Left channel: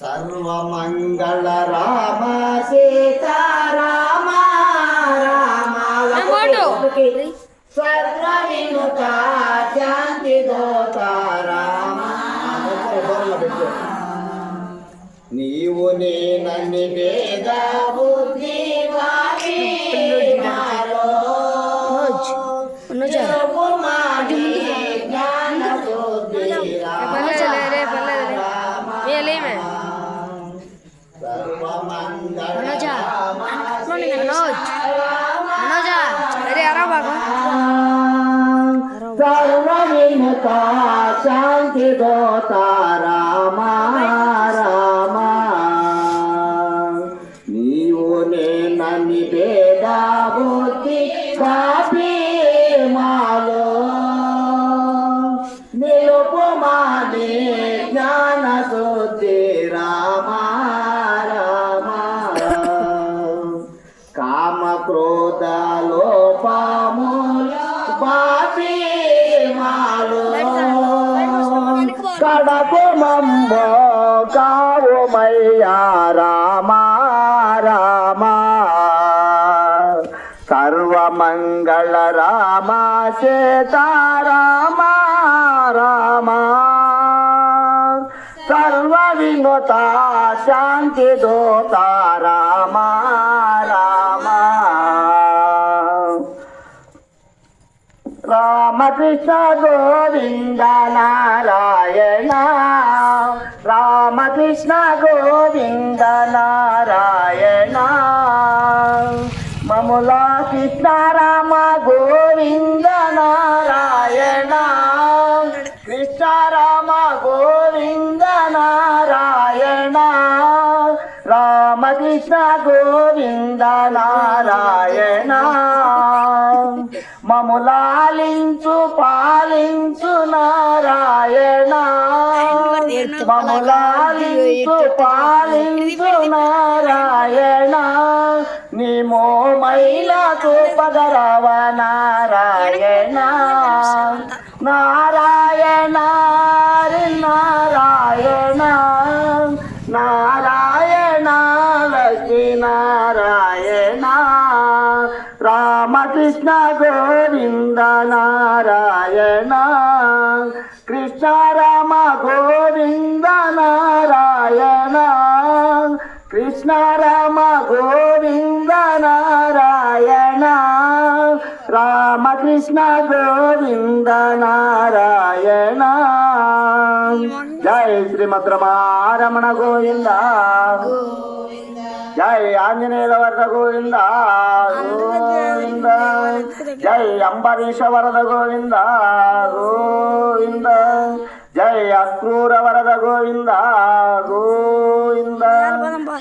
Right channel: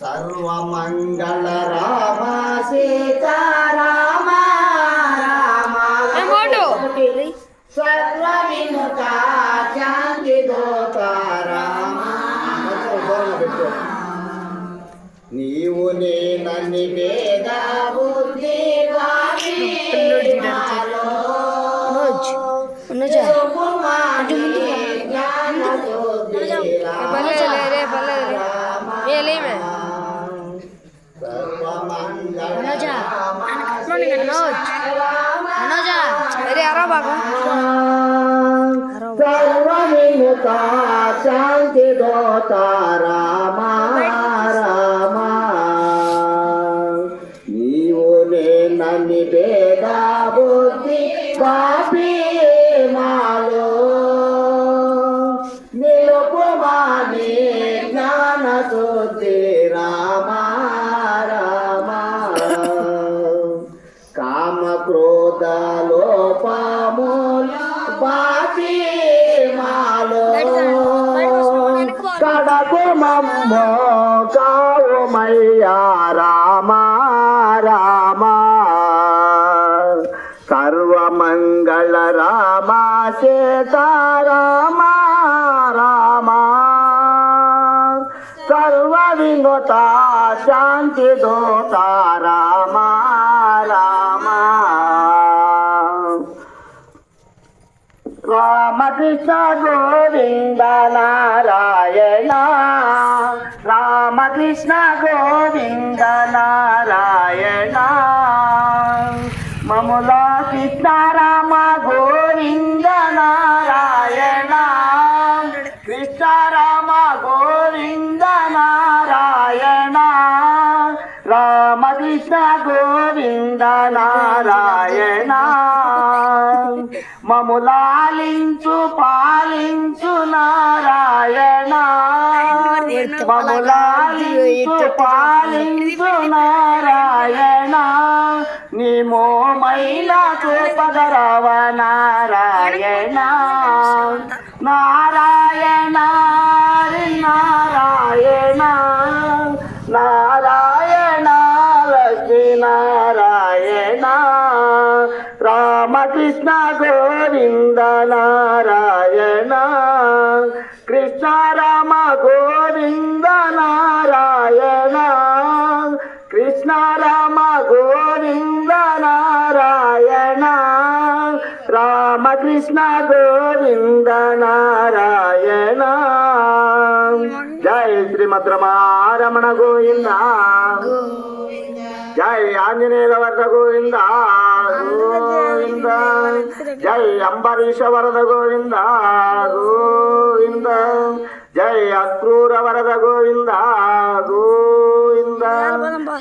ಸರ್ವಮಂಗಳ ರಾಮ ಸೀತಾರಾಮ ರಾಮ ಸರ್ವವಿನುತ ಶಾಂತಿ ದೋತ ರಾಮ. ನೀವು ನೀನನಿ ಭೇದ ಬುದ್ಧಿ ಶಾಂತಿ ದೋತ ರಾಮ ರಾಮ. ನೀವು ನನ್ನಿ ಭೇದ ಬುದ್ಧಿ ಪಾಪಿ ಮಾಲು ನಿರುಪಮಾನಿ ಜ್ಞಾನ ಸುದ್ದಿ ರಾಮ ರಾಮ. ಕಾಮ ಕ್ರೋಧ ಲೋಪ ಮೂಲ ಪಾಪಿ ಮಾಲು ಕಡಪೆ ಮಮ್ಮ ಕಾವು ಮಯ್ಯ ರಾಮ ರಾಮ. ಸರ್ವಮಂಗಳ ರಾಮ ಸೀತಾರಾಮ ರಾಮ. ಸರ್ವವಿಮುತ ಶಾಂತಿ ದೋತ ರಾಮ ರಾಮ. ರಾಮಕೃಷ್ಣ ಗೋವಿಂದ ನಾರಾಯಣ. ರಾಮಕೃಷ್ಣ ಗೋವಿಂದ ನಾರಾಯಣ. ಮಮುಲ ಕೃಷ್ಣ ರಾಮ ಗೋವಿಂದ ನಾರಾಯಣ. ಕೃಷ್ಣ ರಾಮ ಗೋವಿಂದ ನಾರಾಯಣ. ರಾಮಕೃಷ್ಣ ಗೋವಿಂದ ನಾರಾಯಣ. మములాలించు పాలించు నారాయణ. మములాలించు పాలించు నారాయణ. నీమో మైలకు పదరవ నారాయణ. నారాయణ నారాయణ నారాయణ లక్ష్మీ నారాయణ. రామకృష్ణ గోవింద నారాయణ. కృష్ణ రామ గోవింద నారాయణ. కృష్ణ రామ గోవింద నారాయణ. రామకృష్ణ గోవింద నారాయణ. జై శ్రీమద్ రమణ గోవింద. జై ఆంజనేయ వరద గోవింద గోవింద. జై అంబరీష వరద గోవింద గోవింద. జై అక్రూర వరద గోవింద